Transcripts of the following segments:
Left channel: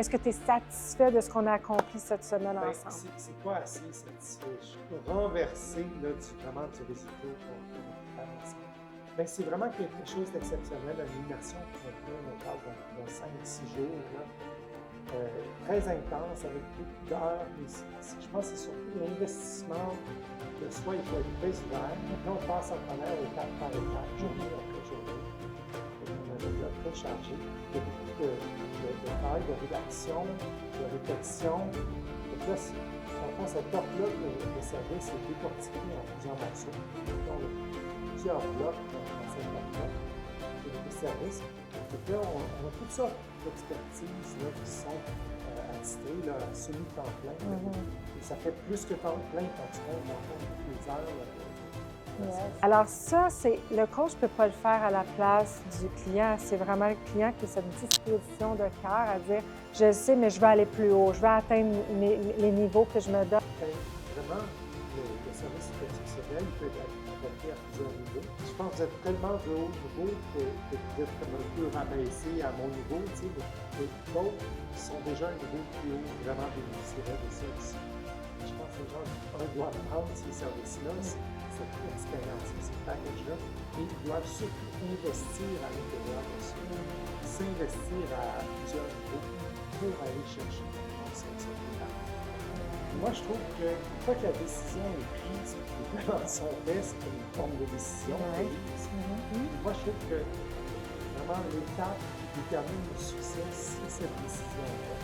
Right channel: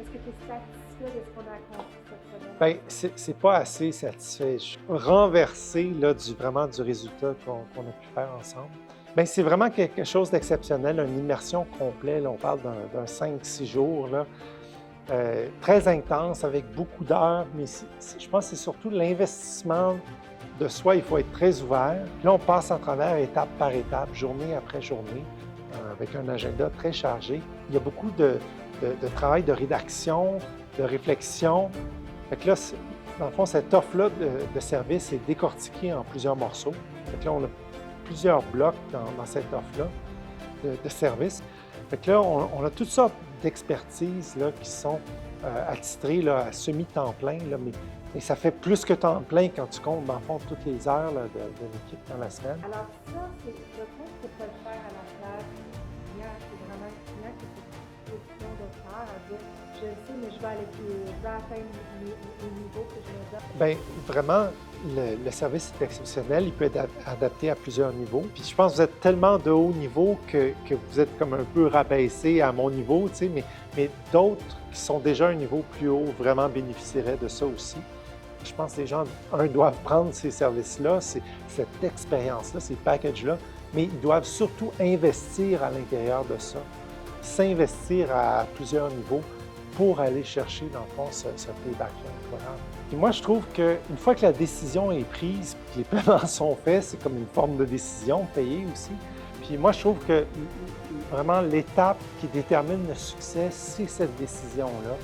Est-ce que tu es satisfait de ce qu'on a accompli cette semaine Bien, ensemble? c'est pas assez satisfait. Je suis renversé là, vraiment du résultat qu'on a pu faire ensemble. Bien, c'est vraiment quelque chose d'exceptionnel, une immersion complète. Là, on parle d'un 5-6 jours, là, très intense, avec beaucoup d'heures, mais je pense que c'est surtout l'investissement de soi. Il faut être très ouvert. Là, on passe à travers étape par étape, journée après journée, avec un agenda très chargé. Il y a beaucoup de travail de rédaction, de réflexion. Fait que là, dans le fond, cette offre-là de service est décortiquée en plusieurs morceaux. Fait que là, on a plusieurs blocs dans cette offre-là de service. Fait que là, on a toutes sortes d'expertises là, qui sont attitrées là, à semi-temps plein, là, mais ça fait plus que temps plein quand tu comptes, dans le fond, toutes les heures là, de l'équipe dans la semaine. Alors ça, c'est le coach ne peut pas le faire à la place du client. C'est vraiment le client qui a cette disposition de cœur à dire « Je sais, mais je veux aller plus haut, je veux atteindre les niveaux que je me donne. » Bien, vraiment, le service est exceptionnel. Il peut être adapté à plusieurs niveaux. Puis je pense que vous êtes tellement de haut niveau que vous êtes comme un peu rabaissé à mon niveau, tu sais, mais d'autres qui sont déjà à un niveau plus haut vraiment bénéficieraient de ça aussi. Je pense que les gens, doivent prendre ces services-là, cette expérience-là, ces packages-là, mais ils doivent surtout investir à l'intérieur de ça, s'investir à plusieurs niveaux pour aller chercher, dans le fond, ce payback-là. Et moi, je trouve qu'une fois que la décision est prise, puis les paiements sont faits, c'est comme une forme de décision payée aussi. Puis moi, je trouve que vraiment l'étape qui détermine le succès, c'est cette décision-là.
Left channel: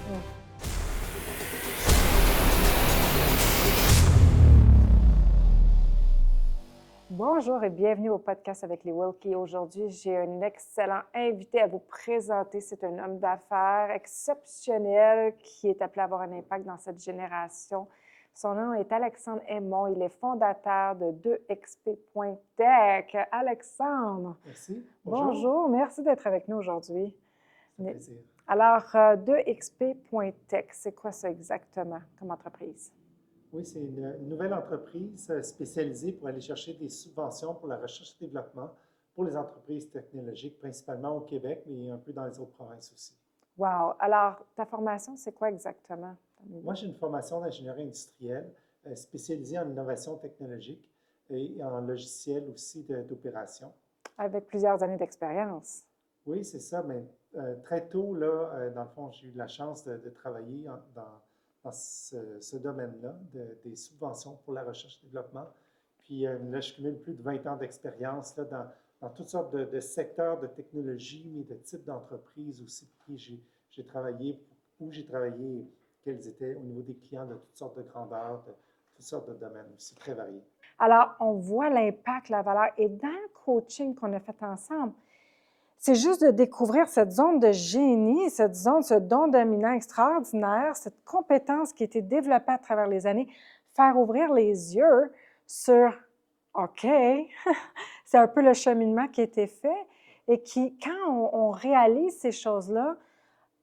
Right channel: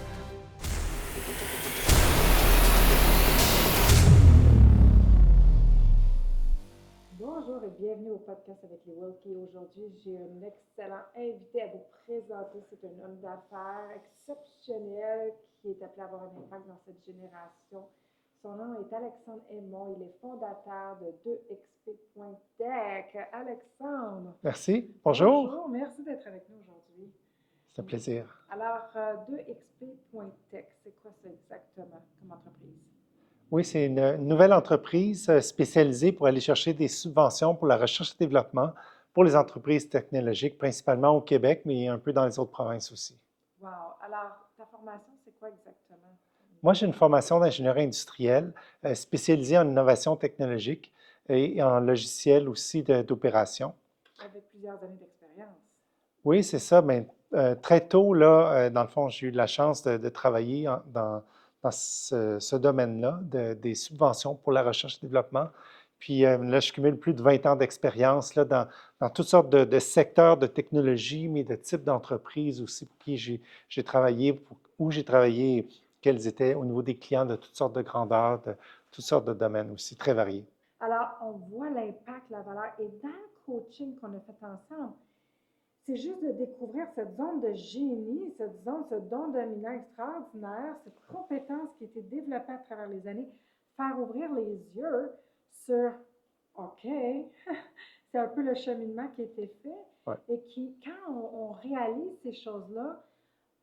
Bonjour et bienvenue au podcast avec les Wilkie. Aujourd'hui, j'ai un excellent invité à vous présenter. C'est un homme d'affaires exceptionnel qui est appelé à avoir un impact dans cette génération. Son nom est Alexandre Aymon. Il est fondateur de 2xp.tech. Alexandre. Merci. Bonjour. Bonjour. Merci d'être avec nous aujourd'hui. C'est un plaisir. Alors, 2xp.tech, c'est quoi ça exactement comme entreprise? Oui, c'est une nouvelle entreprise spécialisée pour aller chercher des subventions pour la recherche et développement pour les entreprises technologiques, principalement au Québec, mais un peu dans les autres provinces aussi. Wow! Alors, ta formation, c'est quoi exactement? Moi, j'ai une formation d'ingénierie industrielle spécialisée en innovation technologique et en logiciel aussi d'opération. Avec plusieurs années d'expérience. Oui, c'est ça. Bien, très tôt, là, dans le fond, j'ai eu la chance de travailler dans ce domaine-là, des subventions pour la recherche et développement. Puis là, je cumule plus de 20 ans d'expérience là, dans toutes sortes de secteurs de technologie, mais de types d'entreprises aussi pour qui j'ai travaillé, où j'ai travaillé, quels étaient au niveau des clients de toutes sortes de grandeurs, de toutes sortes de domaines aussi, très variés. Alors, on voit l'impact, la valeur. Et dans le coaching qu'on a fait ensemble, c'est juste de découvrir cette zone de génie, cette zone, ce don dominant extraordinaire, cette compétence qui a été développée à travers les années, faire ouvrir les yeux sur OK, c'est un peu le cheminement qui a été fait et qui, quand on réalise ces choses-là,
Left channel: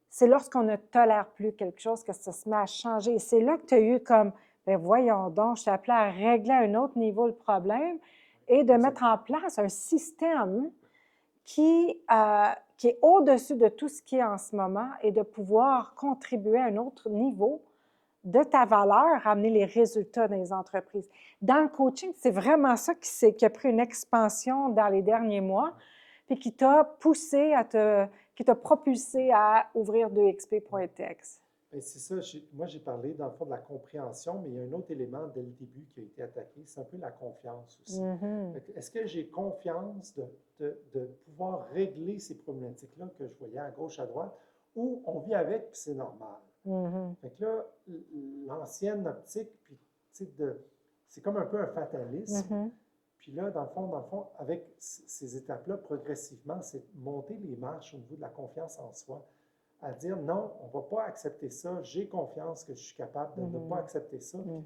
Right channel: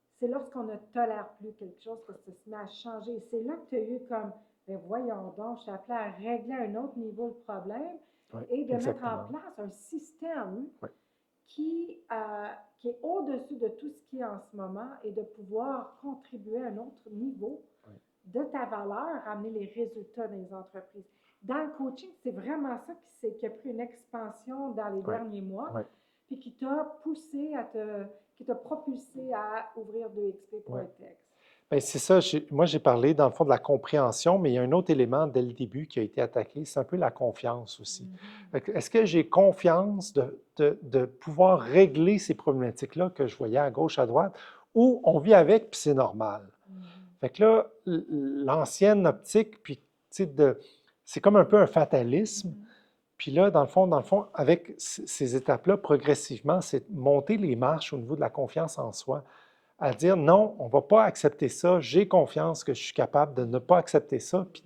c'est lorsqu'on ne tolère plus quelque chose que ça se met à changer. Et c'est là que tu as eu comme, bien voyons donc, je t'ai appelé à régler à un autre niveau le problème et de mettre en place un système qui est au-dessus de tout ce qui est en ce moment et de pouvoir contribuer à un autre niveau de ta valeur, amener les résultats dans les entreprises. Dans le coaching, c'est vraiment ça qui a pris une expansion dans les derniers mois, puis qui t'a poussé qui t'a propulsé à ouvrir 2xp.tech. Bien, c'est ça. Moi, j'ai parlé, dans le fond, de la compréhension, mais il y a un autre élément dès le début qui a été attaqué, c'est un peu la confiance aussi. Est-ce que j'ai confiance de pouvoir régler ces problématiques-là que je voyais à gauche, à droite, ou on vit avec, puis c'est normal? Fait que là, l'ancienne optique, puis, tu sais, c'est comme un peu un fatalisme. Puis là, dans le fond, avec ces étapes-là, progressivement, c'est monter les marches au niveau de la confiance en soi, à dire non, on ne va pas accepter ça, j'ai confiance que je suis capable de ne pas accepter ça, puis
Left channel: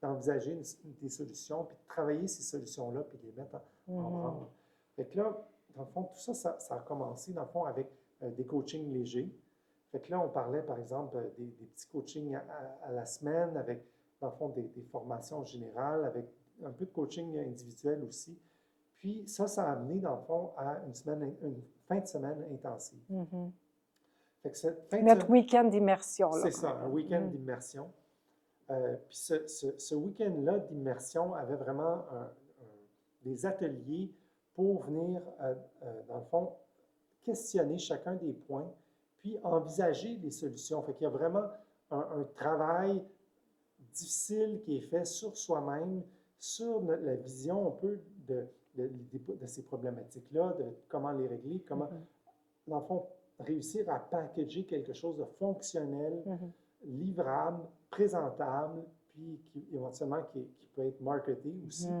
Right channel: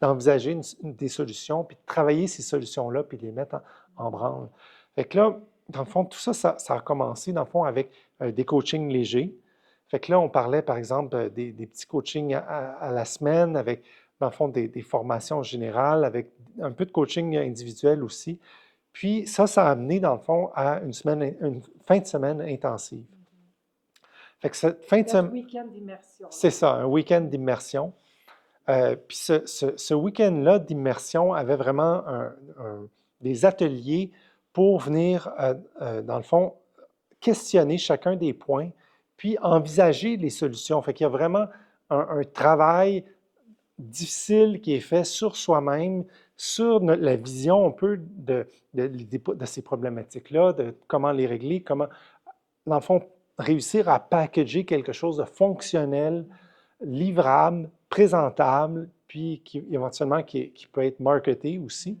d'envisager des solutions, puis de travailler ces solutions-là, puis de les mettre en branle. Fait que là, dans le fond, tout ça, ça a commencé, dans le fond, avec des coachings légers. Fait que là, on parlait, par exemple, des petits coachings à la semaine, avec, dans le fond, des formations générales, avec un peu de coaching individuel aussi. Puis ça a amené, dans le fond, à une fin de semaine intensive. Fait que cette fin de Notre semaine, week-end d'immersion, là. c'est ça, un week-end d'immersion. Puis ce week-end-là d'immersion avait vraiment des ateliers pour venir, dans le fond, questionner chacun des points, puis envisager les solutions. Fait qu'il y a vraiment un travail difficile qui est fait sur soi-même, sur la vision un peu de ces problématiques-là, de comment les régler, comment, dans le fond, réussir à packager quelque chose de fonctionnel, livrable, présentable, puis éventuellement qui peut être marketé aussi.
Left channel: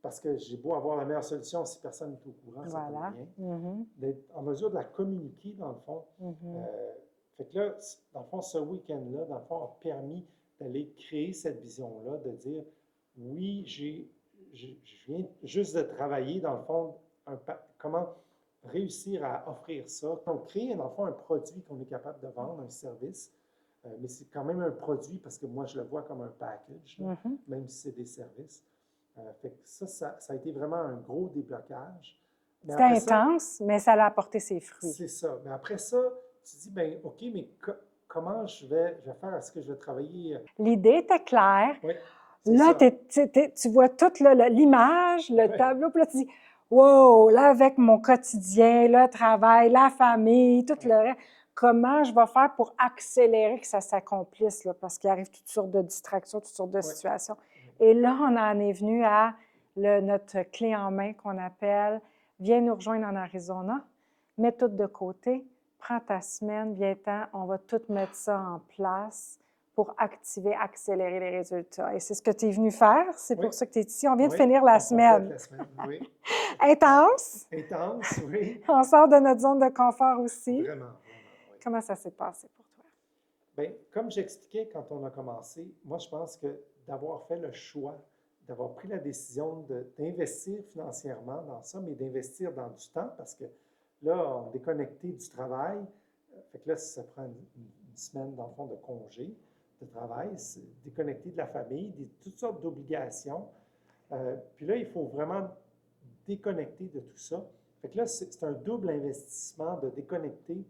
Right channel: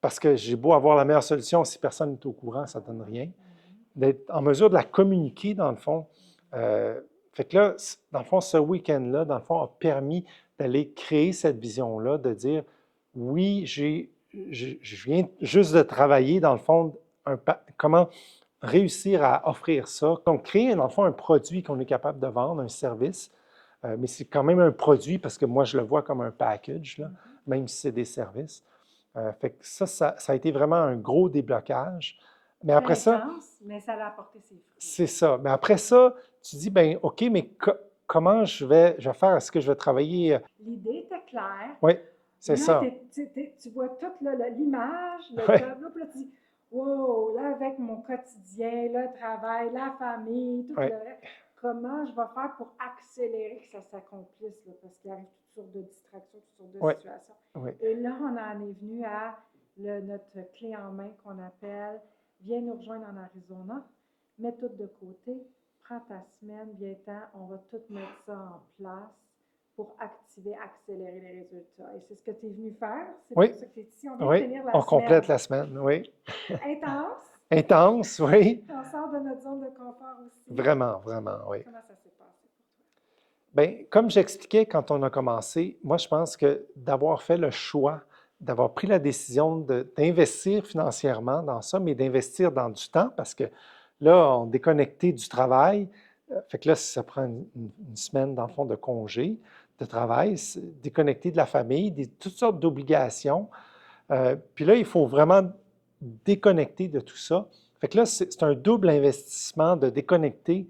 Parce que j'ai beau avoir la meilleure solution, si personne n'est au courant, ça ne donne rien. D'être en mesure de la communiquer, dans le fond. Fait que là, dans le fond, ce week-end-là, dans le fond, a permis d'aller créer cette vision-là, de dire, oui, je viens juste de travailler, dans le fond, comment réussir à offrir ça. Donc, créer, dans le fond, un produit qu'on est capable de vendre, un service, mais c'est quand même un produit parce que moi, je le vois comme un package, là, même si c'est des services. Fait que ça a été vraiment un gros déblocage. Mais après C'était intense, mais ça a apporté ses fruits. C'est ça. Mais après ça, tu dis, ben OK, mais comment je vais faire? Est-ce que je vais travailler? L'idée était claire. Oui, c'est là, ça. tu vois toute l'image, le Ouais. tableau, puis là, tu dis, wow, là, avec mon quotidien, le travail, la famille, tout Ouais. le reste, comment je vais faire pour accélérer que ça s'accomplisse, là, parce qu'il arrive toutes sortes de distractions, toutes sortes de Ouais. situations. Ouais. Et là, on en est venu à notre clé en main qu'on appelle « Viens nous rejoindre en Arizona, mets tout de côté, prends ta semaine, viens-t'en, on va tout mettre ça en place pour activer, accélérer les résultats. » Et c'est ce que tu es venu faire, c'est Oui. pour ça que tu es ici. On vient Oui. de finir la On semaine. complète la semaine, oui. Intense. Intense, oui. On sort de notre zone de confort aussi. Vraiment, vraiment, oui. Comment ça s'est passé pour toi? Bien, comme j'expliquais quand on a commencé, moi, je pense que d'avoir fait le choix, d'avoir pris la décision d'investir financièrement dans ça, mais d'investir dans du temps, parce que là, on est déconnecté du travail. Fait que là, ça prend une semaine, dans le fond, de congé, de travail, déconnecté de la famille, toutes sortes d'obligations. Puis là, il faut vraiment déconnecter de tout ça. Fait que là, c'est un double investissement de déconnecter,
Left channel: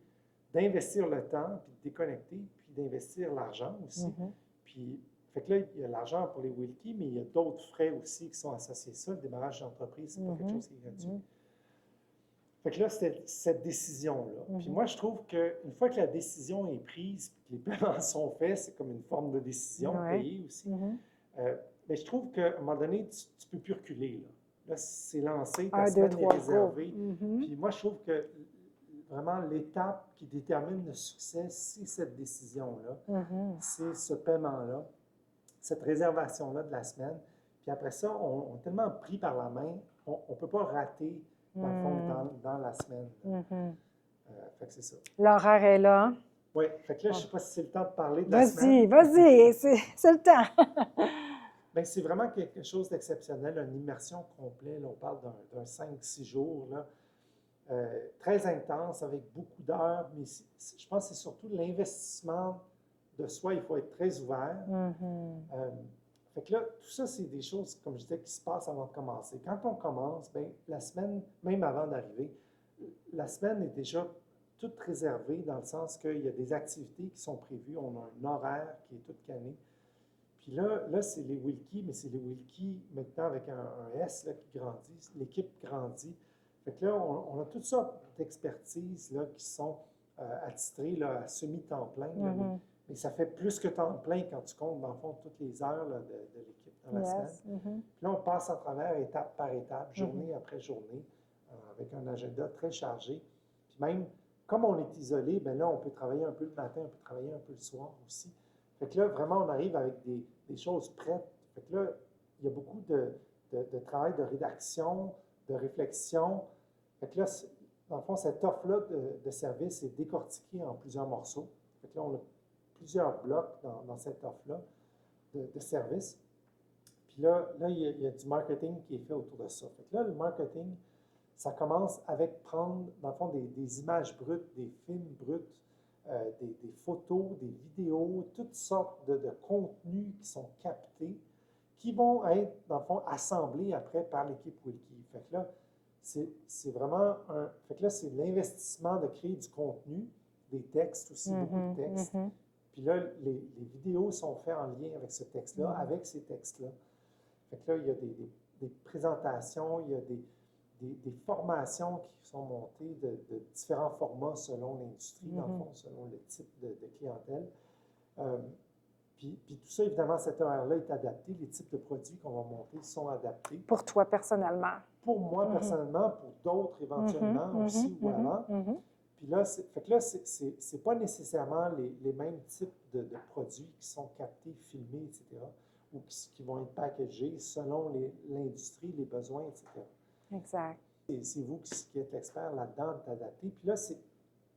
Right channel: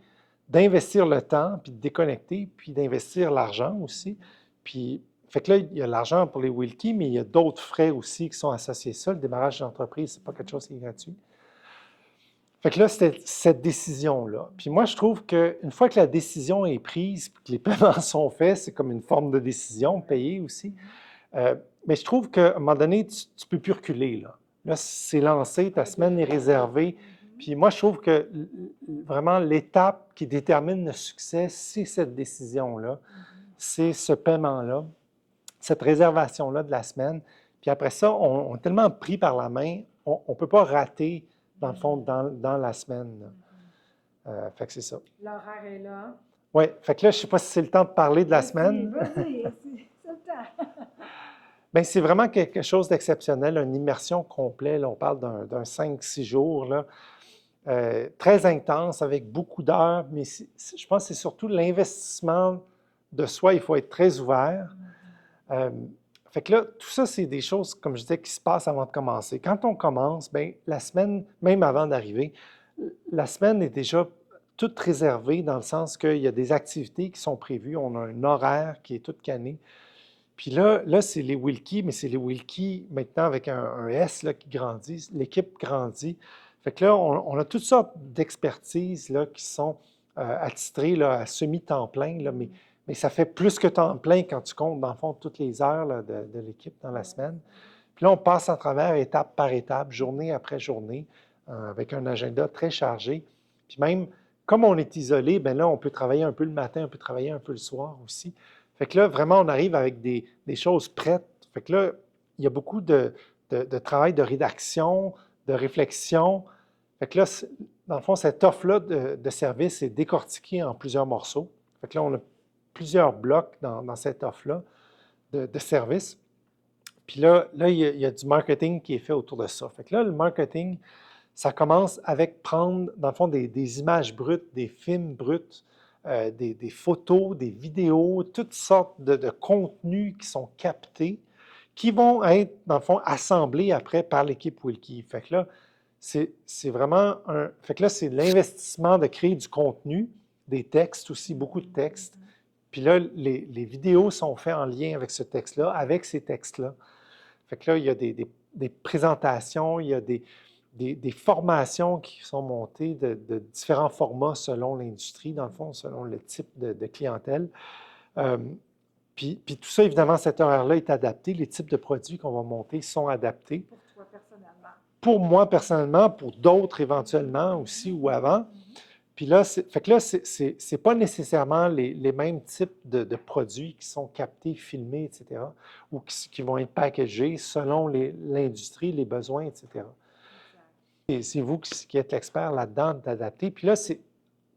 d'investir le temps, puis de déconnecter, puis d'investir l'argent aussi. Puis, fait que là, il y a l'argent pour les Wilkie, mais il y a d'autres frais aussi qui sont associés à ça. Le démarrage d'entreprise, c'est pas quelque chose qui est gratuit. Fait que là, c'était cette décision-là. Puis moi, je trouve qu'une fois que la décision est prise, puis que les paiements sont faits, c'est comme une forme de décision, payée aussi. Mais je trouve qu'à un moment donné, tu ne peux plus reculer, là. Là, c'est lancé, ta semaine est réservée. Puis moi, je trouve que vraiment l'étape qui détermine le succès, c'est cette décision-là, c'est ce paiement-là, cette réservation-là de la semaine. Puis après ça, on est tellement pris par la main, on ne peut pas rater, dans le fond, dans la semaine. Fait que c'est ça. L'horaire est là. Oui, fait que là, je ne sais pas si c'est le temps de parler de la semaine. Vas-y, c'est le temps. Bien, c'est vraiment quelque chose d'exceptionnel, une immersion complète. Là, on parle d'un 5-6 jours, là, très intense, avec beaucoup d'heures, mais je pense que c'est surtout l'investissement de soi. Il faut être très ouvert. Fait que là, tout ça, c'est des choses, comme je disais, qui se passent avant de commencer. Quand on commence, bien, la semaine, même avant d'arriver, la semaine est déjà toute réservée dans le sens qu'il y a des activités qui sont prévues. On a un horaire qui est tout canné. Puis là c'est les Wilkie, mais c'est les Wilkie maintenant avec un S là, qui grandit. L'équipe grandit. Fait que là, on a toutes sortes d'expertises là, qui sont attitrées là, à semi-temps plein, là, mais ça fait plus que temps plein quand tu comptes, dans le fond, toutes les heures là, de l'équipe dans la semaine. Puis là, on passe à travers étape par étape, journée après journée, avec un agenda très chargé. Puis même, comme on est isolé, bien là, on peut travailler un peu le matin, on peut travailler un peu le soir aussi. Fait que là, vraiment, on arrive avec des choses prêtes. Fait que là, il y a beaucoup de travail de rédaction, de réflexion. Fait que là, dans le fond, cette offre-là de service est décortiquée en plusieurs morceaux. Fait que là, on a plusieurs blocs dans cette offre-là de service. Puis là, il y a du marketing qui est fait autour de ça. Fait que là, le marketing, ça commence avec prendre, dans le fond, des images brutes, des films bruts, des photos, des vidéos, toutes sortes de contenus qui sont captés, qui vont être, dans le fond, assemblés après par l'équipe Wilkie. Fait que là, c'est vraiment Fait que là, c'est l'investissement de créer du contenu. des textes aussi, beaucoup de Mhm, textes. mhm. Puis là, les vidéos sont faites en lien avec ce texte-là, avec ces textes-là. Fait que là, il y a des présentations, il y a des formations qui sont montées de différents formats selon l'industrie, dans le fond, selon le type de clientèle. Euh, puis tout ça, évidemment, cet horaire-là est adapté. Les types de produits qu'on va monter sont adaptés. Pour toi personnellement. Pour moi, Mhm, personnellement, pour d'autres mhm, éventuellement mhm, aussi ou mhm, avant. mhm. Puis là, fait que là, c'est pas nécessairement les mêmes types de produits qui sont captés, filmés, etc., ou qui vont être packagés selon l'industrie, les besoins, etc. Exact. Et c'est vous qui êtes l'expert là-dedans d'adapter. Puis là, c'est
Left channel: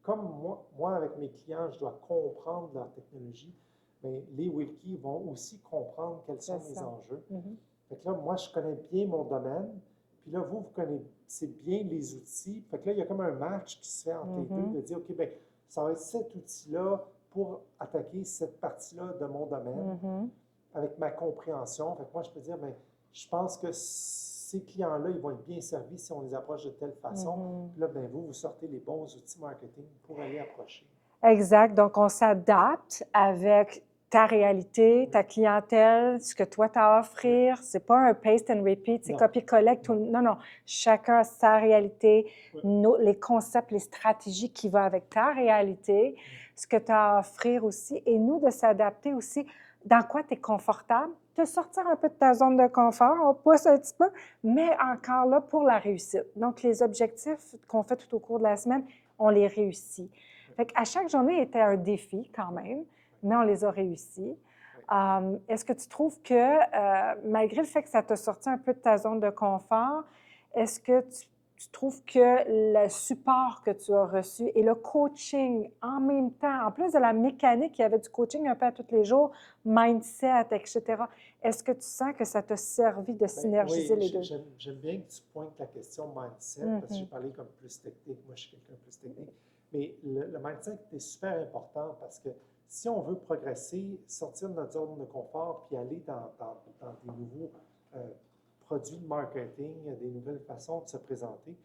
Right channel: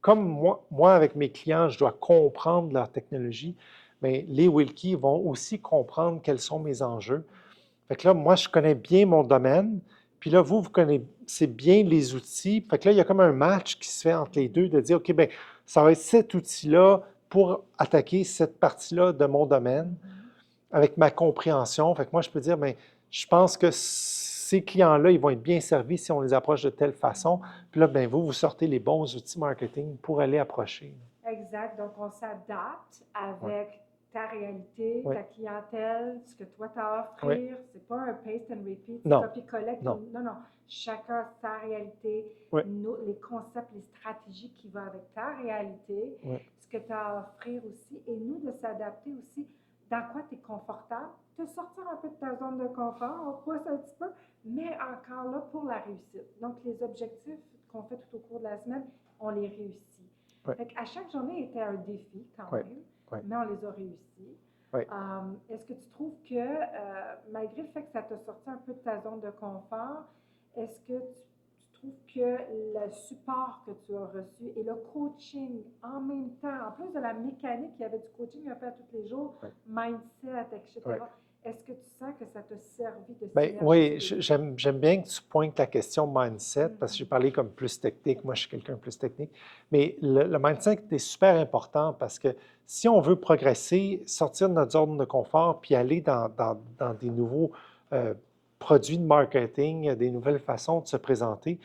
comme moi, avec mes clients, je dois comprendre leur technologie, mais les Wilkie vont aussi comprendre quels sont C'est mes ça. enjeux. Mhm. Fait que là, moi, je connais bien mon domaine. Puis là, vous connaissez bien les outils. Fait que là, il y a comme un match qui se fait entre les deux, Mhm. de dire, OK, bien, ça va être cet outil-là pour attaquer cette partie-là de mon domaine Mhm. avec ma compréhension. Fait que moi, je peux dire, bien, je pense que ces clients-là, ils vont être bien servis si on les approche de telle façon. Mhm. Puis là, bien, vous sortez les bons outils marketing pour aller approcher. Exact. Donc, on s'adapte Oui, avec ta réalité, oui, ta clientèle, ce que toi tu as à oui. offrir. C'est pas un paste and repeat, c'est Non, copier-coller. non. Non, non. Chacun a sa réalité, Oui, les concepts, les stratégies qui vont avec ta réalité, oui, ce que tu as à offrir aussi. Et nous, de s'adapter aussi dans quoi tu es confortable, de sortir un peu de ta zone de confort, on pousse un petit peu, mais encore là pour la réussite. Donc, les objectifs qu'on fait tout au cours de la semaine, on les réussit. oui, Fait qu'à chaque journée était un défi quand oui, même, oui, mais on les a réussis. oui. Est-ce que tu trouves que, malgré le fait que ça t'a sorti un peu de ta zone de confort, est-ce que tu trouves que le support que tu as reçu et le coaching en même temps, en plus de la mécanique, il y avait du coaching un peu à tous les jours, Oui. mindset, etc. Oui. Est-ce que tu sens que ça t'a servi de Ben synergiser oui, les deux? j'aime bien que tu pointes la question mindset parce que j'ai Mhm. parlé comme plus technique. Moi, je suis quelqu'un de plus technique. Mais le mindset est super important parce que si on veut progresser, sortir de notre zone de confort puis aller dans des nouveaux euh, produits de marketing, des nouvelles façons de se présenter,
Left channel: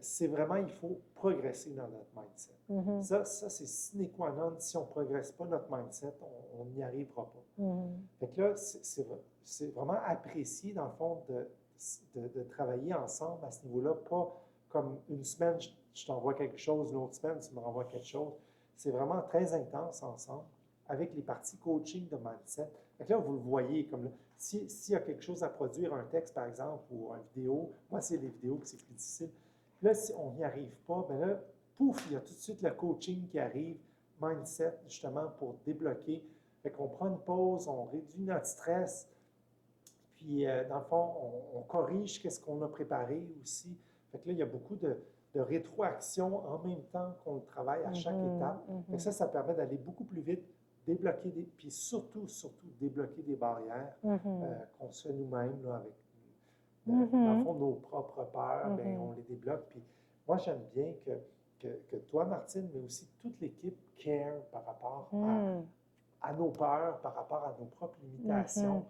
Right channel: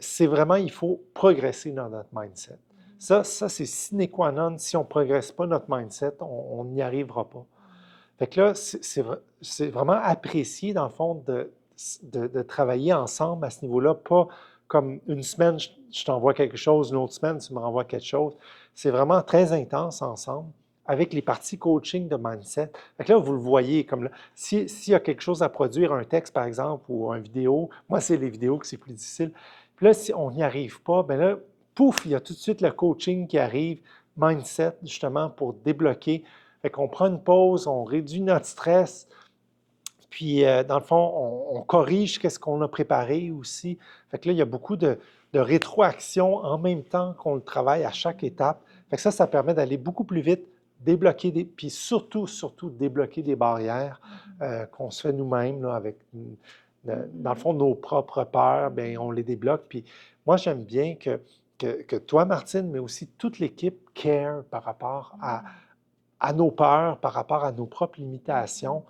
c'est vraiment, il faut progresser dans notre mindset. Mhm. Ça c'est sine qua non. Si on ne progresse pas notre mindset, on n'y arrivera pas. Mhm. Fait que là, c'est vraiment apprécié, dans le fond, de travailler ensemble à ce niveau-là, pas comme une semaine, je t'envoie quelque chose, une autre semaine, tu me renvoies quelque chose. C'est vraiment très intense ensemble avec les parties coaching de mindset. Fait que là, vous le voyez, comme là, s'il y a quelque chose à produire, un texte par exemple, ou une vidéo, moi, c'est les vidéos que c'est plus difficile. Puis là, si on n'y arrive pas, bien là, pouf, il y a tout de suite le coaching qui arrive, mindset, justement, pour débloquer. Fait qu'on prend une pause, on réduit notre stress, puis dans le fond, on corrige qu'est-ce qu'on a préparé aussi. Fait que là, il y a beaucoup de rétroaction en même temps qu'on le travaille à chaque Mhm. étape. Fait que Mhm. ça permet d'aller beaucoup plus vite, débloquer puis surtout, débloquer des barrières Mhm. qu'on se fait nous-mêmes là, avec, dans le Mhm. fond, nos propres peurs, bien, Mhm. on les débloque. Puis moi, j'aime bien que toi, Martine, mais aussi toute l'équipe care par rapport Mhm. à nos peurs, par rapport à nos propres Mhm. limitations.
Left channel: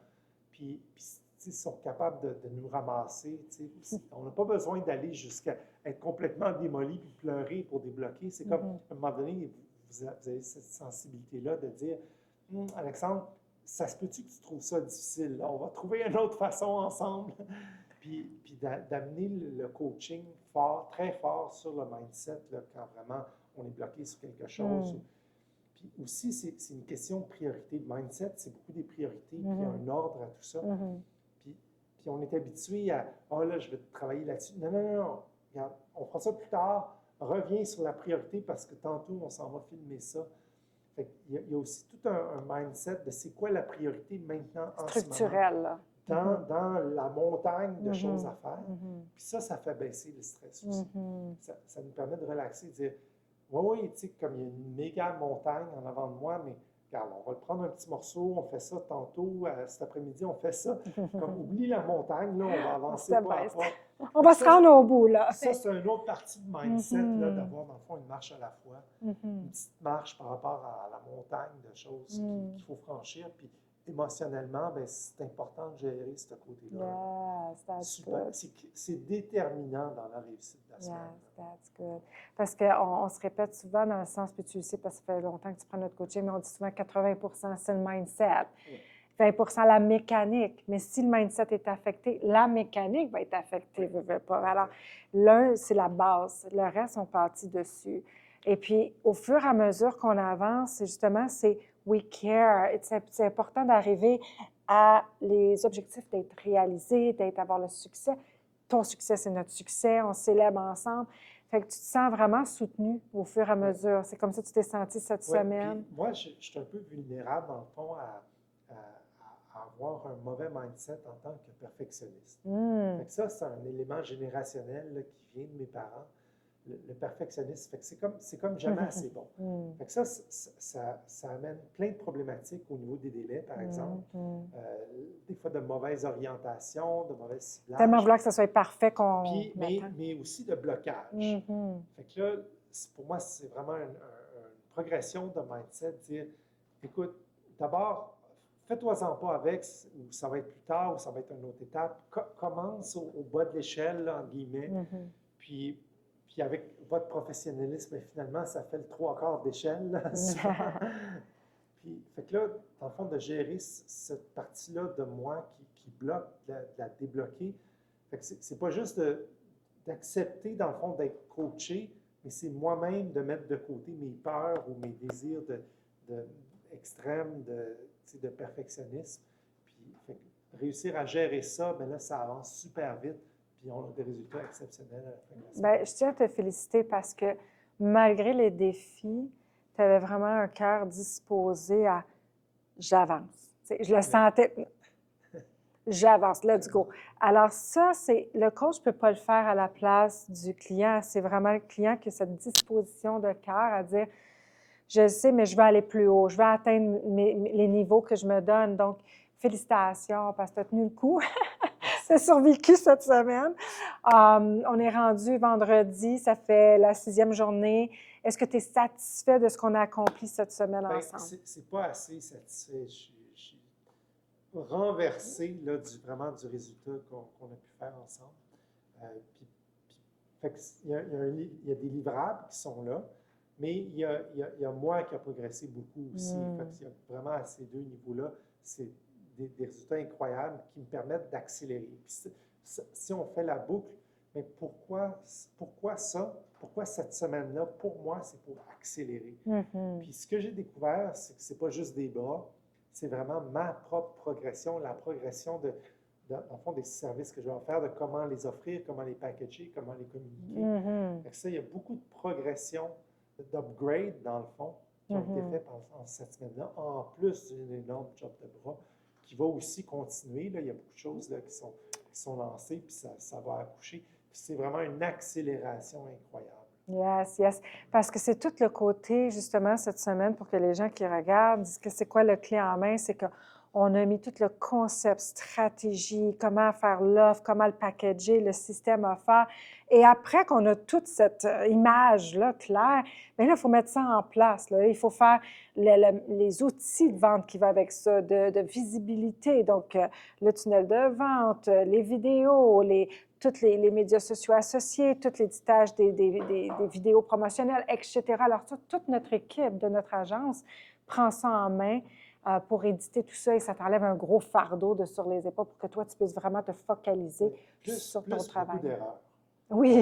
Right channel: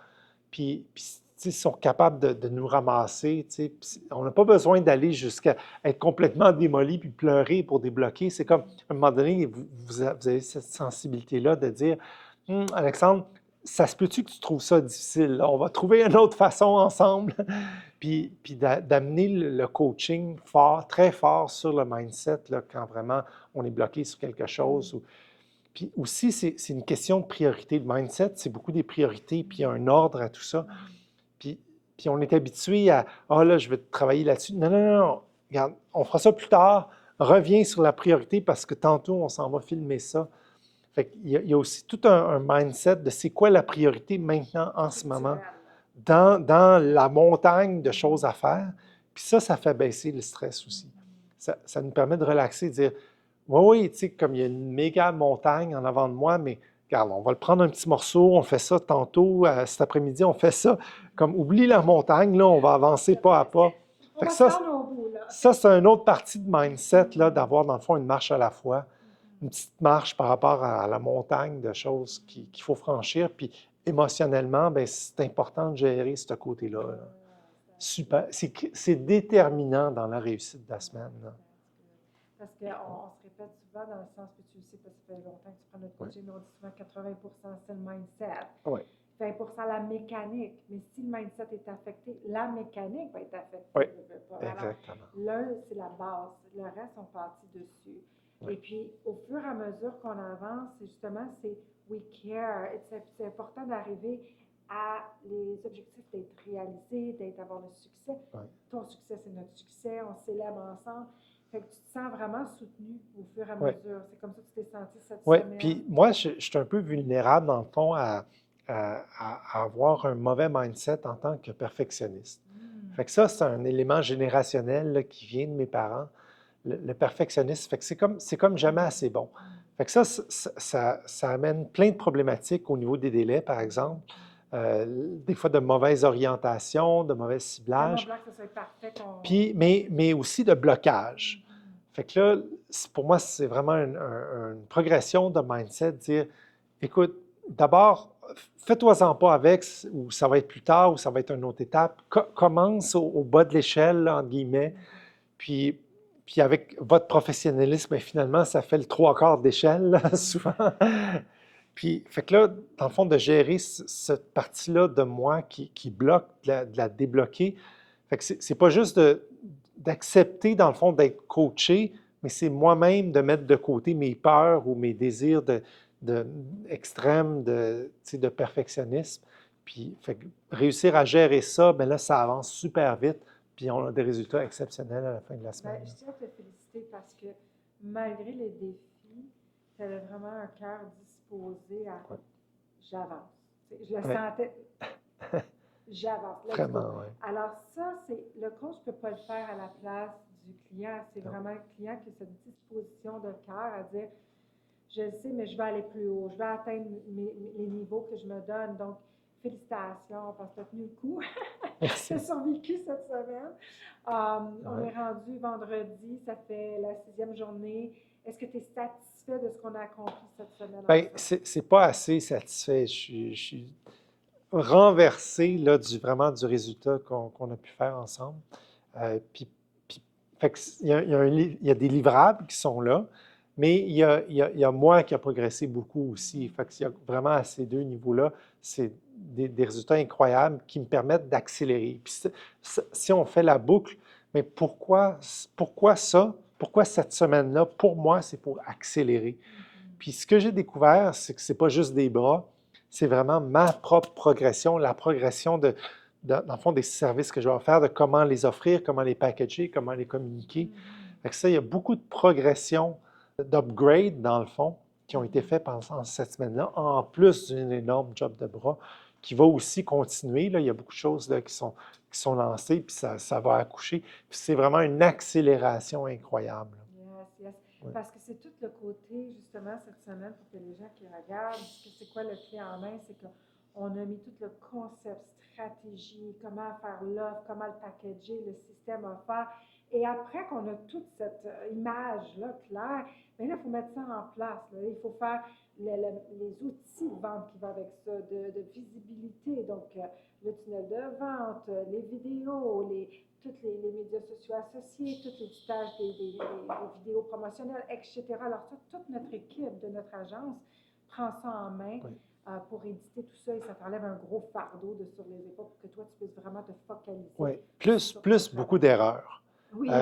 Puis tu sais, ils sont capables de nous ramasser. Tu sais. Puis on n'a pas besoin d'aller jusqu'à être complètement démoli puis pleurer pour débloquer. C'est comme, Mhm. à un moment donné, vous avez cette sensibilité-là de dire, Alexandre, ça se peut-tu que tu trouves ça difficile? Là? On va trouver une autre façon ensemble. Puis d'amener le coaching fort, très fort sur le mindset là, quand vraiment on est bloqué sur quelque chose. Mhm. Puis aussi, c'est une question de priorité. Le mindset, c'est beaucoup des priorités, puis il y a Mhm. un ordre à tout ça. Mhm. Puis, puis on est habitué à ah là, je vais travailler là-dessus. Non, non, non, non. Regarde, on fera ça plus tard. Reviens sur la priorité parce que tantôt, on s'en va filmer ça. Fait qu'il y a aussi tout un mindset de c'est quoi la priorité maintenant, en ce moment, Structurel, là. dans la montagne de choses Mhm. à faire. Mhm. Puis ça fait baisser le stress aussi. Mhm. Ça nous permet de relaxer, de dire oui, oui, tu sais, comme il y a une méga montagne en avant de moi, mais regarde, on va le prendre un petit morceau, on fait ça tantôt, cet après-midi, on fait ça. Comme oublie la montagne, là, on va On avancer se pas à baisse. pas. On Fait que va se rendre au bout, là. ça c'est une autre partie de mindset, là, Mhm. d'avoir dans le fond une marche à la fois, une Mhm. petite marche par rapport à la montagne de choses qu'il Mhm. faut franchir. Puis émotionnellement, ben, c'est important de gérer ce côté-là. Là. Yes, that's Super. good. C'est déterminant dans la réussite de la semaine. Yes, Là. that's good. Parce qu'on se répète souvent dans le sens, puis tu le sais, parce que ça fait longtemps que tu prends notre coaching, mais on dit souvent 80 c'est le mindset. Oui. 20 la mécanique. Mais si le mindset est affecté, la mécanique va être affectée. Oui, Pas. Alors, exactement. l'un, c'est la base. Le reste, on partit dessus. Et puis, au fur et à mesure qu'on avance, c'est we care. C'est important d'arriver à les objectifs d'être réalisés, avoir le succès. Oui. Ton succès, c'est notre succès. On célèbre ensemble. Fait que tu te sens vraiment soutenu au fur et à mesure. C'est comme ça que tu t'es senti cette semaine. Puis moi, je suis un peu vulnérable, dans le fond, à avoir un mauvais mindset en tant que perfectionniste. Fait que ça, c'est un élément générationnel là, qui vient de mes parents, le perfectionnisme. Fait que c'est comme jamais assez bon. Fait que ça amène plein de problématiques au niveau des délais, par exemple. Des fois de mauvaise orientation, de mauvais ciblage. Tellement vouloir que ça soit parfait qu'on... Puis, mais aussi de blocage. Fait que là, pour moi, c'est vraiment une progression de mindset, dire, écoute, d'abord, fais-toi-en pas avec, ou ça va être plus tard, ou ça va être une autre étape. Commence au bas de l'échelle, entre guillemets, puis avec votre professionnalisme, bien, finalement, ça fait le 3/4 d'échelle, là, souvent. Puis, fait que là, dans le fond, de gérer cette partie-là de moi qui bloque, de la débloquer. Fait que c'est pas juste d'accepter, dans le fond, d'être coaché, mais c'est moi-même de mettre de côté mes peurs ou mes désirs extrêmes de perfectionnisme. Puis, fait que réussir à gérer ça, bien là, ça avance super vite. Puis, on a des résultats exceptionnels à la fin de la semaine. Bien, je tiens à te féliciter parce que malgré les défis, tu avais vraiment un cœur disposé à j'avance. Je le sentais. J'avance, let's go. Vraiment, ouais. Alors ça, le coach ne peut pas le faire à la place du client. C'est vraiment le client qui a cette disposition de cœur à dire, je le sais, mais je veux aller plus haut, je veux atteindre les niveaux que je me donne. Donc, félicitations parce que tu as tenu le coup. Tu as survécu cette semaine. On est rendu vendredi, ça fait la 6e journée. Est-ce que tu es satisfait de ce qu'on a accompli cette semaine ensemble? Bien, c'est pas assez satisfait. Je suis renversé là, vraiment du résultat qu'on a pu faire ensemble. Fait que il y a des livrables qui sont là, mais il y a moi qui a progressé beaucoup aussi. Fait qu'il y a vraiment à ces deux niveaux-là, c'est des résultats incroyables qui me permettent d'accélérer. Puis si on fait la boucle, mais pourquoi ça? Pourquoi cette semaine-là? Pour moi, c'est pour accélérer. Puis ce que j'ai découvert, c'est que ce n'est pas juste des bras, c'est vraiment ma propre progression, la progression dans le fond, des services que je vais offrir, de comment les offrir, comment les packager, comment les communiquer. Fait que ça, il y a beaucoup de progression, d'upgrade, dans le fond, qui ont été faits pendant cette semaine-là, en plus d'une énorme job de bras qui va aussi continuer. Là, il y a beaucoup de choses là, qui sont lancées, puis ça va accoucher. Puis c'est vraiment une accélération incroyable. Yes, yes. Parce que c'est tout le côté, justement, cette semaine, pour que les gens qui regardent disent que c'est quoi le clé en main, c'est qu'on a mis tout le concept, stratégie, comment faire l'offre, comment le packager, le système offert. Et après qu'on a toute cette image-là claire, bien là, il faut mettre ça en place. Là. Il faut faire les outils de vente qui vont avec ça, de visibilité. Donc, le tunnel de vente, les vidéos, tous les médias sociaux associés, tout l'éditage des vidéos promotionnelles, etc. Alors, toute notre équipe de notre agence prend ça en main pour éditer tout ça et ça t'enlève un gros fardeau sur les épaules pour que toi, tu puisses vraiment te focaliser. Plus beaucoup d'erreurs. Oui,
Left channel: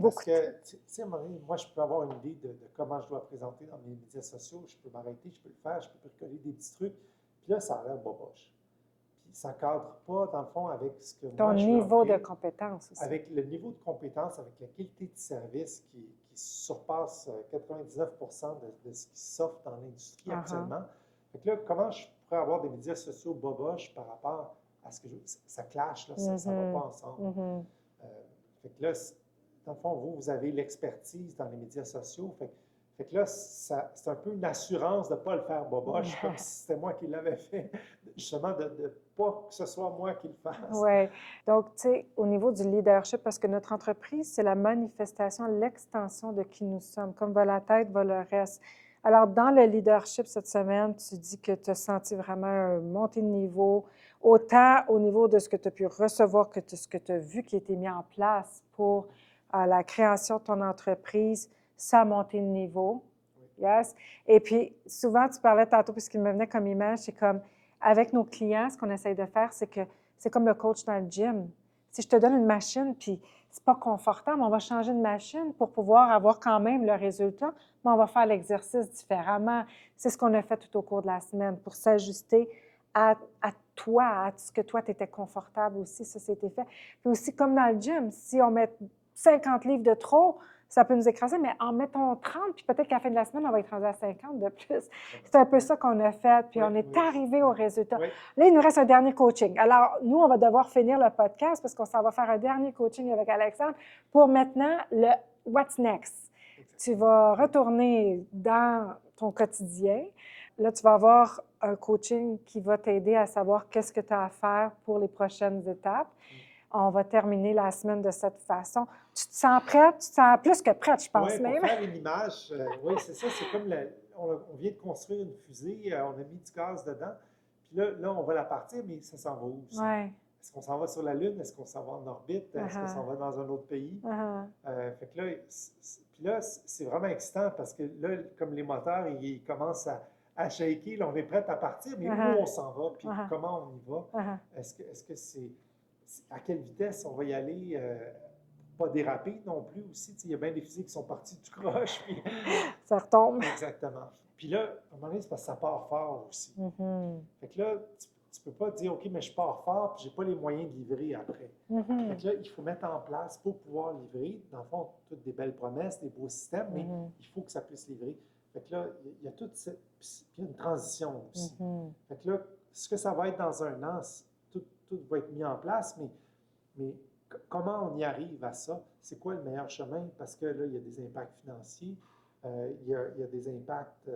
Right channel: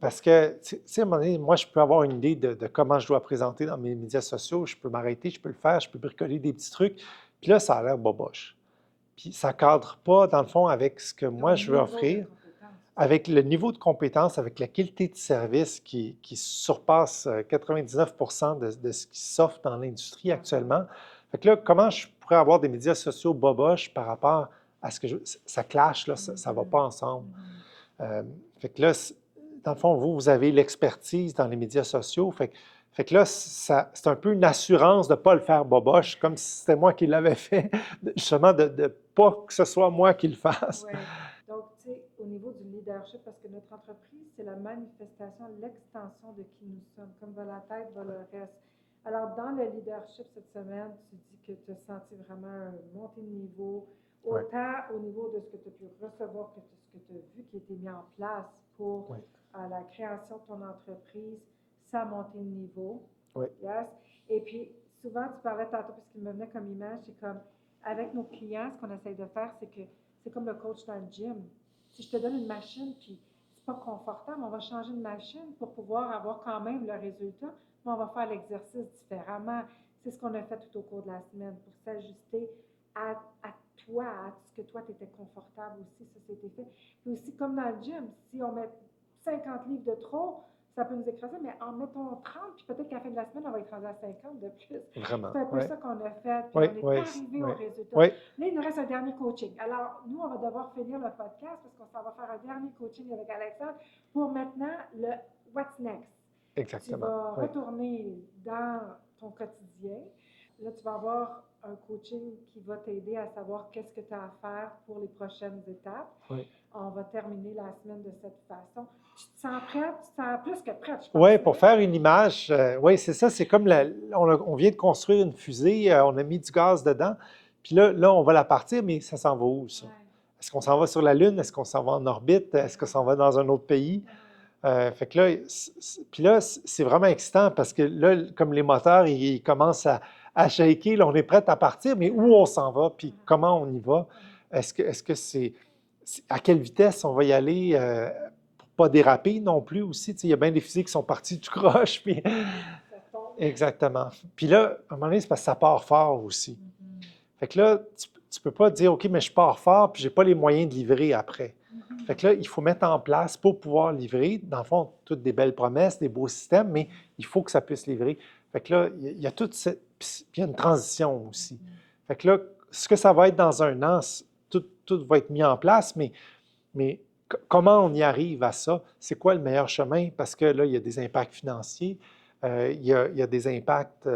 parce que, tu sais, à un moment donné, moi, je peux avoir une idée de comment je dois présenter dans mes médias sociaux. Je peux m'arrêter, je peux le faire, je peux bricoler des petits trucs. Puis là, ça a l'air boboche. Puis ça ne cadre pas, dans le fond, avec ce que moi, je veux offrir. De compétence aussi. Avec le niveau de compétence, avec la qualité de service qui surpasse 99% de ce qui s'offre dans l'industrie actuellement. Fait que là, comment je pourrais avoir des médias sociaux boboches par rapport à ce que ça clash, là, ça ne va pas ensemble. Fait que là, dans le fond, vous avez l'expertise dans les médias sociaux. Fait que là, c'est un peu une assurance de ne pas le faire boboche, comme si c'était moi qui l'avais fait, justement de ne pas que ce soit moi qui le fasse. Oui. Donc, tu sais, au niveau du leadership, parce que notre entreprise, c'est la manifestation, l'extension de qui nous sommes. Comme va la tête, va le reste. Alors, dans le leadership cette semaine, tu dis que tu as senti vraiment un montée de niveau, autant au niveau de ce que tu as pu recevoir que ce que tu as vu qui a été mis en place pour la création de ton entreprise. ça monter le niveau. Oui. Yes. Et puis, souvent, tu parlais tantôt, puisqu'il me venait comme image, c'est comme, avec nos clients, ce qu'on essaye de faire, c'est que c'est comme le coach dans le gym. Si je te donne une machine, puis c'est pas confortable, on va changer de machine pour pouvoir avoir quand même le résultat, mais on va faire l'exercice différemment. C'est ce qu'on a fait tout au cours de la semaine pour s'ajuster à toi, à ce que toi, tu étais confortable aussi, ça c'était fait. Puis aussi, comme dans le gym, si on met 50 livres de trop, ça peut nous écraser, mais en mettons 30, puis peut-être qu'à la fin de la semaine, on va être rendu à 50 de plus. Vraiment. C'est un peu ça qu'on a fait, puis Oui, on est oui, arrivé au résultat. oui. Là, il nous reste un dernier coaching. Alors, nous, on va devoir finir le podcast parce qu'on s'en va faire un dernier coaching avec Alexandre pour maintenant le « What's next ». Exactement. Tu vas retourner dans ton quotidien. Là, tu vas avoir un coaching qui va t'aider à savoir qu'est-ce que tu as à faire pour les prochaines étapes. Oui. On va terminer la semaine de cette façon. Tu te sens prête? Tu te sens plus que prête, je pense. Oui, pour faire une image, oui, c'est ça. C'est comme on vient de construire une fusée, on a mis du gaz dedans, puis là, on va la partir, mais ça s'en va où, ça? Ouais. Est-ce qu'on s'en va sur la Lune? Est-ce qu'on s'en va en orbite? Est-ce qu'on s'en va dans un autre pays? Fait que là, puis là, c'est vraiment excitant parce que là, comme les moteurs, ils commencent à shaker, là, on est prêt à partir, mais où on s'en va, puis comment on y va? Est-ce que à quelle vitesse on va y aller pour ne pas déraper non plus aussi? Il y a bien des fusées qui sont parties du croche. Puis... Ça retombe. Exactement. Puis là, à un moment donné, c'est parce que ça part fort aussi. Fait que là, tu ne peux pas dire, OK, mais je pars fort, puis je n'ai pas les moyens de livrer après. Fait que là, il faut mettre en place pour pouvoir livrer, dans le fond, toutes des belles promesses, des beaux systèmes, mais il faut que ça puisse livrer. Fait que là, il y a toute cette... Puis il y a une transition aussi. Fait que là, ce que ça va être dans un an, tout va être mis en place, mais comment on y arrive à ça? C'est quoi le meilleur chemin? Parce que là, il y a des impacts financiers, il y a des impacts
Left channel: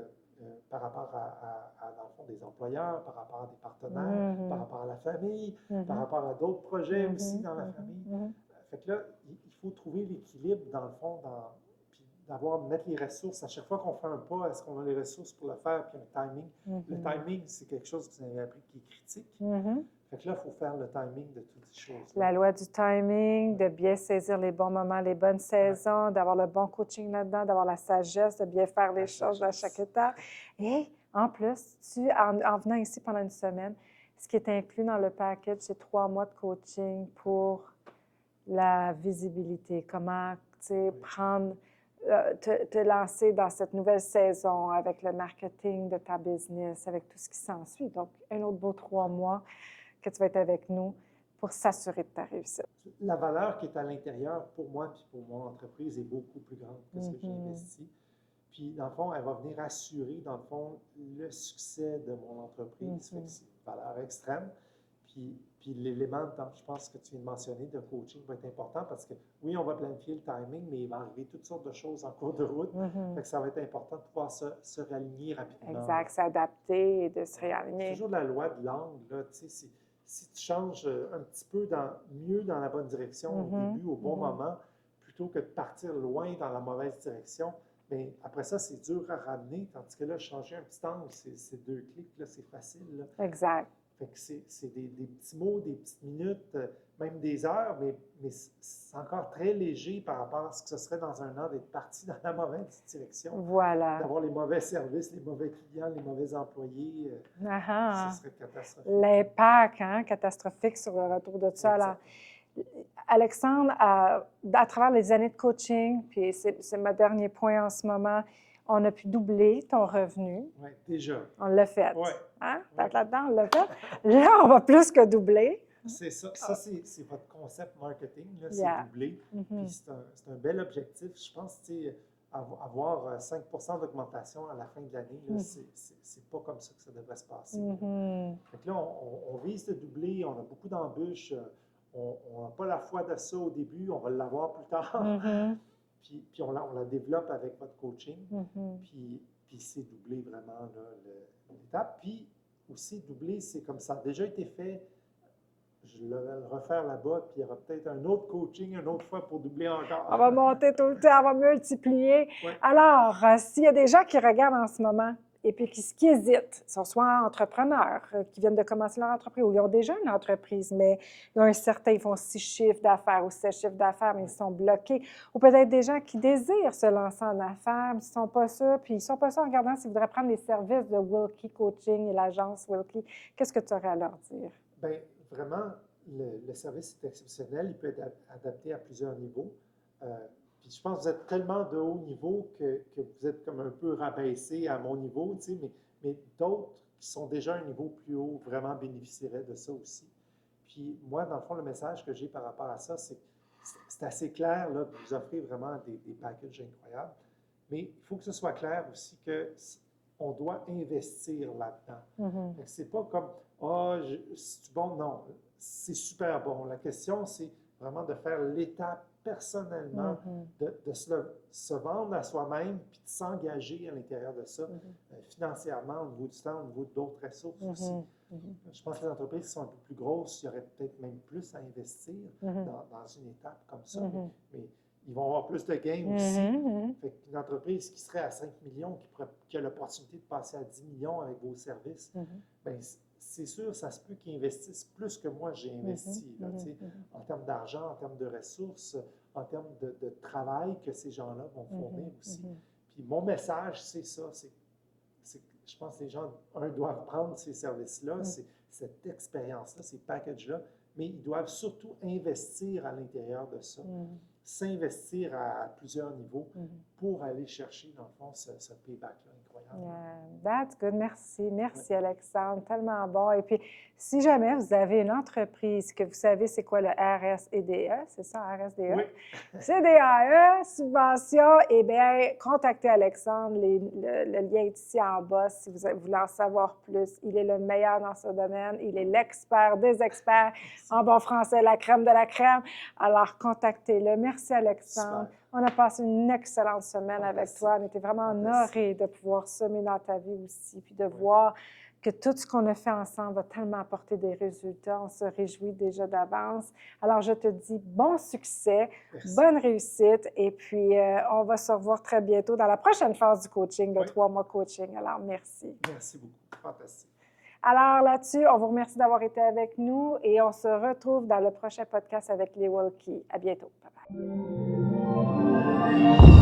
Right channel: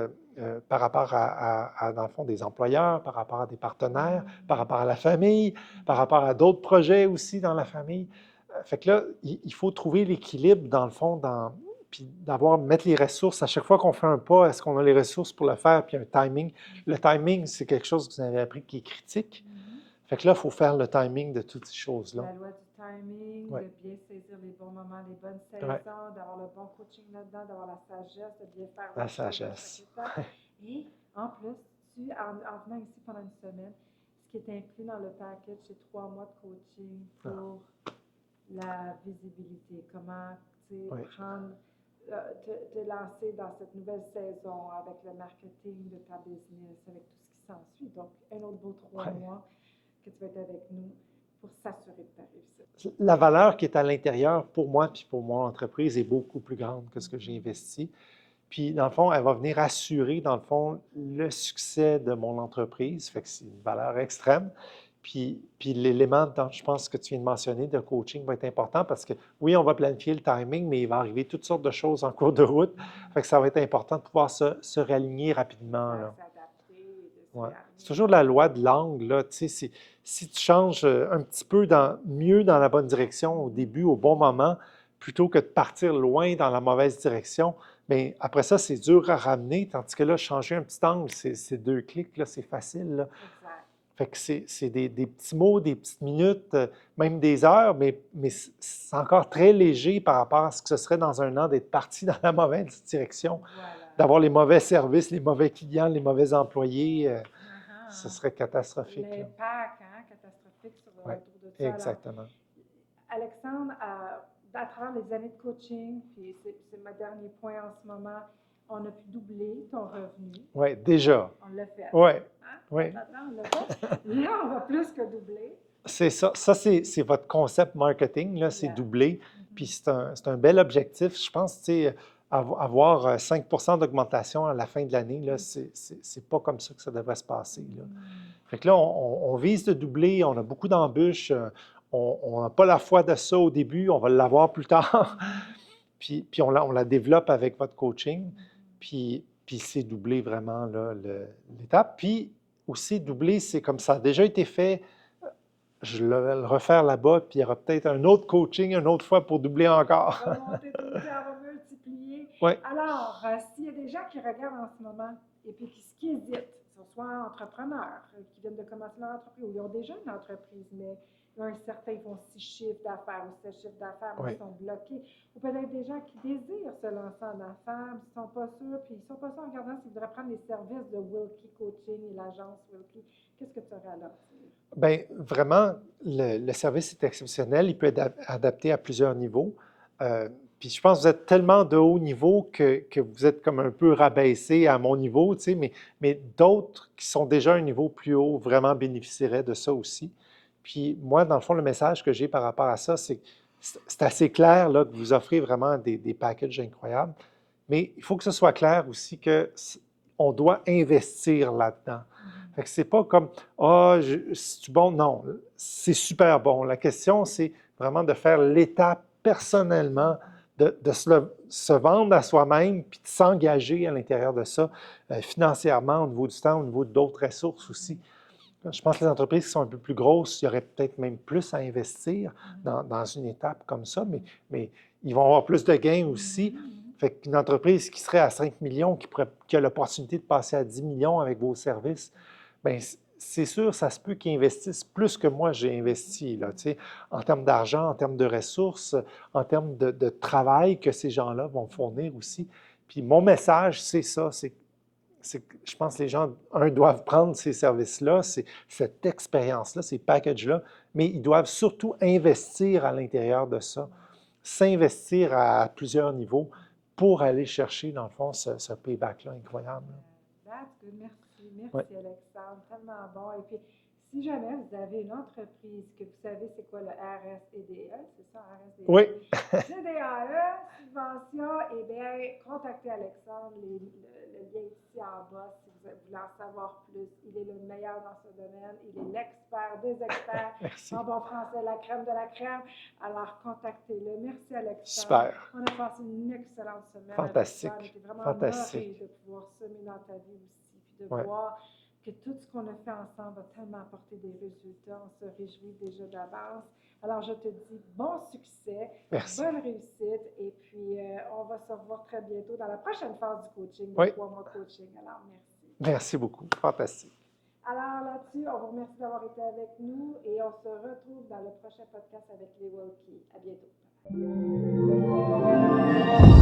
par rapport dans le fond, des employeurs, par rapport à des partenaires, par rapport à la famille, par rapport à d'autres projets aussi dans la famille. Fait que là, il faut trouver l'équilibre, dans le fond, puis mettre les ressources. À chaque fois qu'on fait un pas, est-ce qu'on a les ressources pour le faire? Puis un timing. Le timing, c'est quelque chose que vous avez appris qui est critique. Fait que là, il faut faire le timing de toutes ces choses-là. La loi du timing, de bien saisir les bons moments, les bonnes saisons, d'avoir le bon coaching là-dedans, d'avoir la sagesse, de bien faire les choses à chaque étape. Et en plus, en venant ici pendant une semaine, ce qui est inclus dans le package, c'est 3 mois de coaching pour la visibilité. Comment, prendre... te lancer dans cette nouvelle saison avec le marketing de ta business, avec tout ce qui s'ensuit. Donc, un autre beau 3 mois que tu vas être avec nous pour s'assurer de ta réussite. La valeur qui est à l'intérieur pour moi puis pour mon entreprise est beaucoup plus grande que ce que j'ai investi. Puis, dans le fond, elle va venir assurer, dans le fond, le succès de mon entreprise. Fait que c'est une valeur extrême. Puis l'élément, je pense, que tu viens de mentionner, de coaching va être important parce que, oui, on va planifier le timing, mais il va arriver toutes sortes de choses en cours de route. Fait que ça va être important de pouvoir se réaligner rapidement. Exact, s'adapter et de se réaligner. C'est toujours la loi de l'angle, là. Tu sais, si tu changes un petit peu mieux dans la bonne direction au début, au bon moment, plutôt que de partir loin dans la mauvaise direction, bien, après ça, c'est dur à ramener. Tandis que là, changer un petit angle, c'est 2 clics, là, c'est facile, là. Exact. Fait que c'est des petits mots, des petites minutes, même des heures, mais c'est encore très léger par rapport à ce que ce serait dans un an d'être parti dans la mauvaise direction. Voilà. D'avoir les mauvais services, les mauvais clients, les mauvais employés, ce serait catastrophique. L'impact catastrophique sur le retour de ça. Exactement. Alors, Alexandre, à travers les années de coaching, puis c'est mon dernier point en ce moment, on a pu doubler ton revenu. Oui, déjà. On l'a fait. Oui. Hein? Oui. Là-dedans, on l'a fait. Là, on va plus que doubler. C'est ça. Ça, c'est votre concept marketing, là, c'est doubler. Puis c'est un bel objectif. Je pense, tu sais, avoir 5 d'augmentation à la fin de l'année, là, c'est pas comme ça que ça devrait se passer. Là. Fait que là, on vise de doubler. On a beaucoup d'embûches. On n'a pas la foi de ça au début. On va l'avoir plus tard. Puis on la développe avec votre coaching. Puis c'est doubler vraiment l'étape. Puis aussi, doubler, c'est comme ça a déjà été fait. Je vais le refaire là-bas, puis il y aura peut-être un autre coaching une autre fois pour doubler encore. On va monter tout le temps, on va multiplier. Oui. Alors, s'il y a des gens qui regardent en ce moment et puis qui hésitent, sont soit entrepreneurs, qui viennent de commencer leur entreprise, ou ils ont déjà une entreprise, mais ils ont ils font 6 chiffres d'affaires ou 7 chiffres d'affaires, mais Oui. ils sont bloqués. Ou peut-être des gens qui désirent se lancer en affaires, mais ils ne sont pas sûrs, puis ils ne sont pas sûrs en regardant s'ils voudraient prendre les services de Wilkie Coaching et l'agence Wilkie. Qu'est-ce que tu aurais à leur dire? Bien, vraiment, le service est exceptionnel. Il peut être adapté à plusieurs niveaux. Puis je pense que vous êtes tellement de haut niveau que vous êtes comme un peu rabaissé à mon niveau, tu sais, mais d'autres qui sont déjà à un niveau plus haut vraiment bénéficieraient de ça aussi. Puis moi, dans le fond, le message que j'ai par rapport à ça, c'est assez clair là, que vous offrez vraiment des packages incroyables, mais il faut que ce soit clair aussi on doit investir là-dedans. Fait que c'est pas comme ah, c'est bon, non, c'est super bon. La question, c'est vraiment de faire l'étape personnellement, de se vendre à soi-même, puis de s'engager à l'intérieur de ça, financièrement, au niveau du temps, au niveau d'autres ressources aussi. Je pense que les entreprises qui sont un peu plus grosses, il y aurait peut-être même plus à investir dans une étape comme ça, mais ils vont avoir plus de gains aussi. Fait qu'une entreprise qui serait à 5 millions, qui a l'opportunité de passer à 10 millions avec vos services, bien, c'est sûr, ça se peut qu'ils investissent plus que moi j'ai investi, là, tu sais, en termes d'argent, en termes de ressources, en termes de travail que ces gens-là vont fournir aussi. Puis mon message, c'est ça, c'est que je pense que les gens, doivent prendre ces services-là, cette expérience-là, ces packages-là, mais ils doivent surtout investir à l'intérieur de ça, s'investir à plusieurs niveaux pour aller chercher, dans le fond, ce payback-là incroyable. That's good. Merci. Merci, Ouais. Alexandre. Tellement bon. Et puis, si jamais vous avez une entreprise que vous savez c'est quoi le RSEDE, c'est ça, RSDE? Oui. CDAE, subvention, eh bien, contactez Alexandre. Le lien est ici en bas si vous voulez en savoir plus. Il est le meilleur dans ce domaine. Il est l'expert des experts. En bon français, la crème de la crème. Alors, contactez-le. Merci, Alexandre. Super. On a passé une excellente semaine Fantastique. avec toi. On était vraiment honorés de pouvoir semer dans ta vie aussi, puis de Ouais. voir que tout ce qu'on a fait ensemble va tellement apporter des résultats. On se réjouit déjà d'avance. Alors, je te dis bon succès, Merci. bonne réussite, et puis on va se revoir très bientôt dans la prochaine phase du coaching, de 3 mois coaching. Alors, merci. Merci beaucoup. Fantastique. Alors là-dessus, on vous remercie d'avoir été avec nous et on se retrouve dans le prochain podcast avec les Wilkie. À bientôt. Bye bye.